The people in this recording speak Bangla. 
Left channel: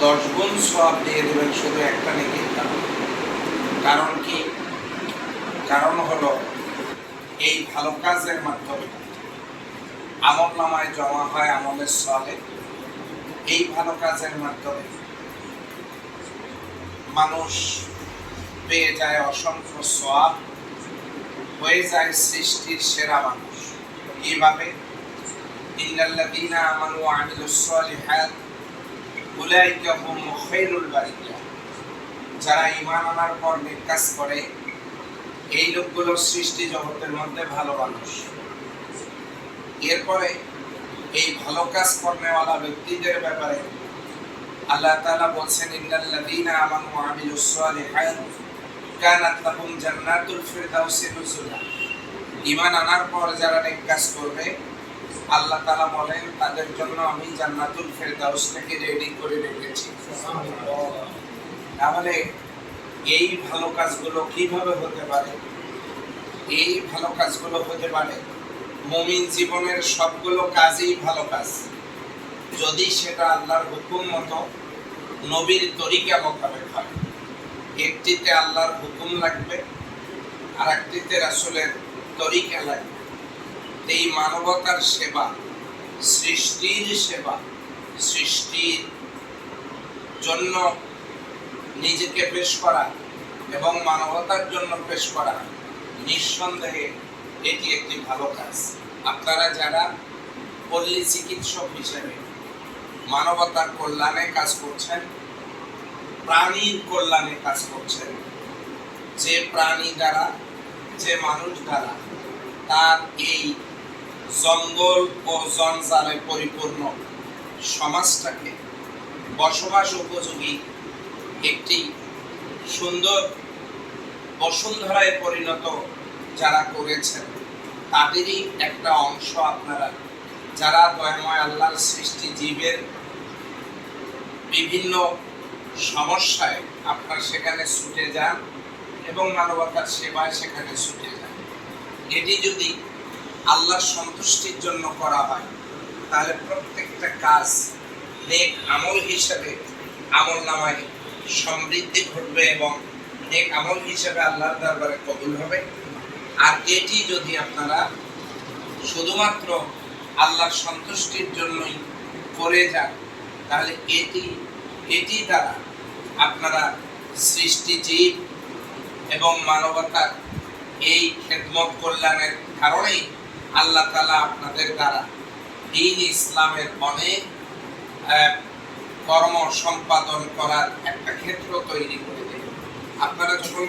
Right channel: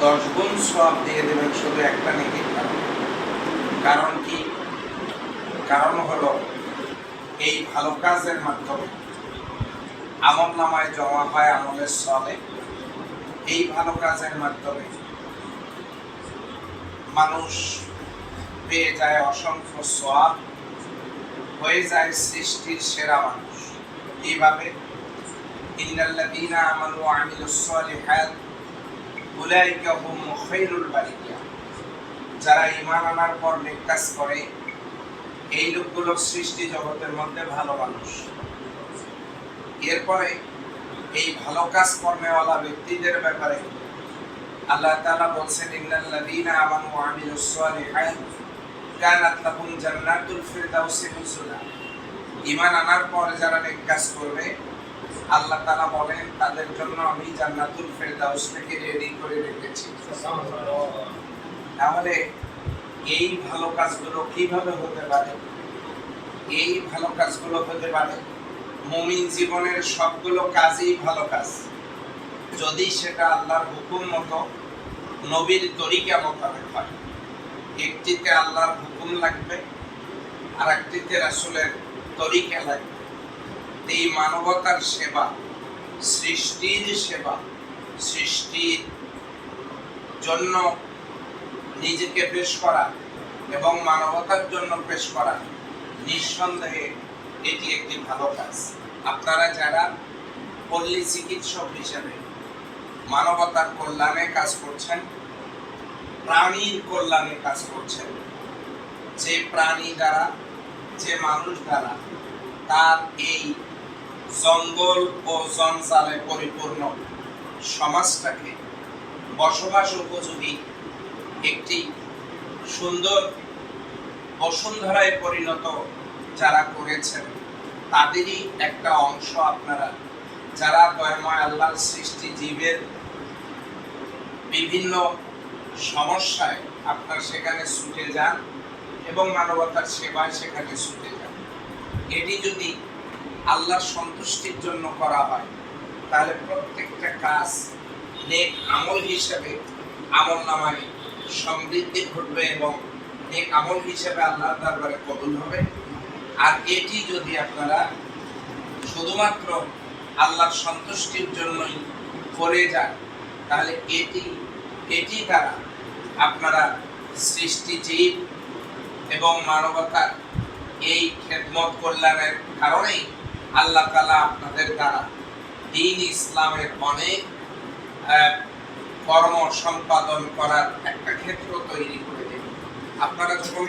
দশ গুণ সব দিয়ে দেবেন শুধু একটা নেকি। কারণ কি? কারণ হলো এই ভালো কাজের মাধ্যমে আমল নামায় জমা হয় আমলের সলে এই ভালো কাজের মাধ্যমে মানুষ পেয়ে যায় অসংখ্য সোয়াব হয়ে যায় সৃষ্টির সেরা মানুষ। এইভাবে ইন্নাল্লাযীনা আমানু আমিলুস সালিহাত যারা ঈমান আনার পর নেক কাজ করে, এই লোকগুলো সৃষ্টি জগতের মধ্যে ভালো মানুষ। এরপরে এই ভালো কাজ কর্মেওয়ালা ব্যক্তিদের ব্যাপারে আল্লাহ তাআলা বলছেন, ইন্নাল্লাযীনা আমানু ওয়া আমিলুস সালিহাত কানাত লাহুম জান্নাতুল ফিরদাউসি নুজুলা। ঈমান আনার পর যারা নেক কাজ করবে আল্লাহ তাআলা বলেন, তাদের জন্য আমি জান্নাতুল ফিরদাউসটাকে রেডি করে রেখেছি। তাহলে এই ভালো কাজগুলো কীভাবে হতে পারে? এই ভালো কাজগুলো হতে পারে, মুমিন জীবনের সবগুলো কাজই ভালো কাজ। যদি সেটা আল্লাহর হুকুম মতো নবীর তরিকা মোতাবেক হয়, একটিতে আল্লাহর হুকুম লাগবে আর একটিতে রাসূলের তরিকা লাগবে। এই মানবতার সেবা, সৃষ্টির সেবা, সৃষ্টির জন্য নিজেকে পেশ করা এবং মানবতার জন্য পেশ করা নিঃসন্দেহে এটি একটি ভালো কাজ। আপনারা যারা পল্লী চিকিৎসক হিসেবে মানবতার কল্যাণে কাজ করছেন, প্রাণীর কল্যাণে কাজ করছেন, যে প্রাণী দ্বারা, যে মানুষ দ্বারা, তার এই জঙ্গল ও জঞ্জালে পরিপূর্ণ সমাজটাকে বসবাস উপযোগী একটি সুন্দর বসুন্ধরায় পরিণত যারা করেছেন, তাদেরই একটা অংশ আপনারা। যারা দয়াময় আল্লাহর সৃষ্টি জীবের বিভিন্ন সমস্যায় আপনারা সেখানে ছুটে যান এবং মানবতার সেবায় সেখানে ছুটে যান। এটি যদি আল্লাহর সন্তুষ্টির জন্য করা হয়। তাহলে প্রত্যেকটা কাজ নেক আমল হিসেবে আমল নামায় সমৃদ্ধি ঘটবে এবং নেক আমল হিসেবে আল্লাহর দরবারে কবুল হবে। আর এটি যদি আপনারা শুধুমাত্র আল্লাহর সন্তুষ্টির জন্যই করে যান, তাহলে এটি এটি দ্বারা আপনারা সৃষ্টি জীব এবং মানবতার এই খেদমত কল্যাণের কারণেই আল্লাহ তালা আপনাদের দ্বারা দিন ইসলামের অনেক কর্ম সম্পাদন করার একটা ক্ষেত্র তৈরি করে দেবে। আপনারা যখন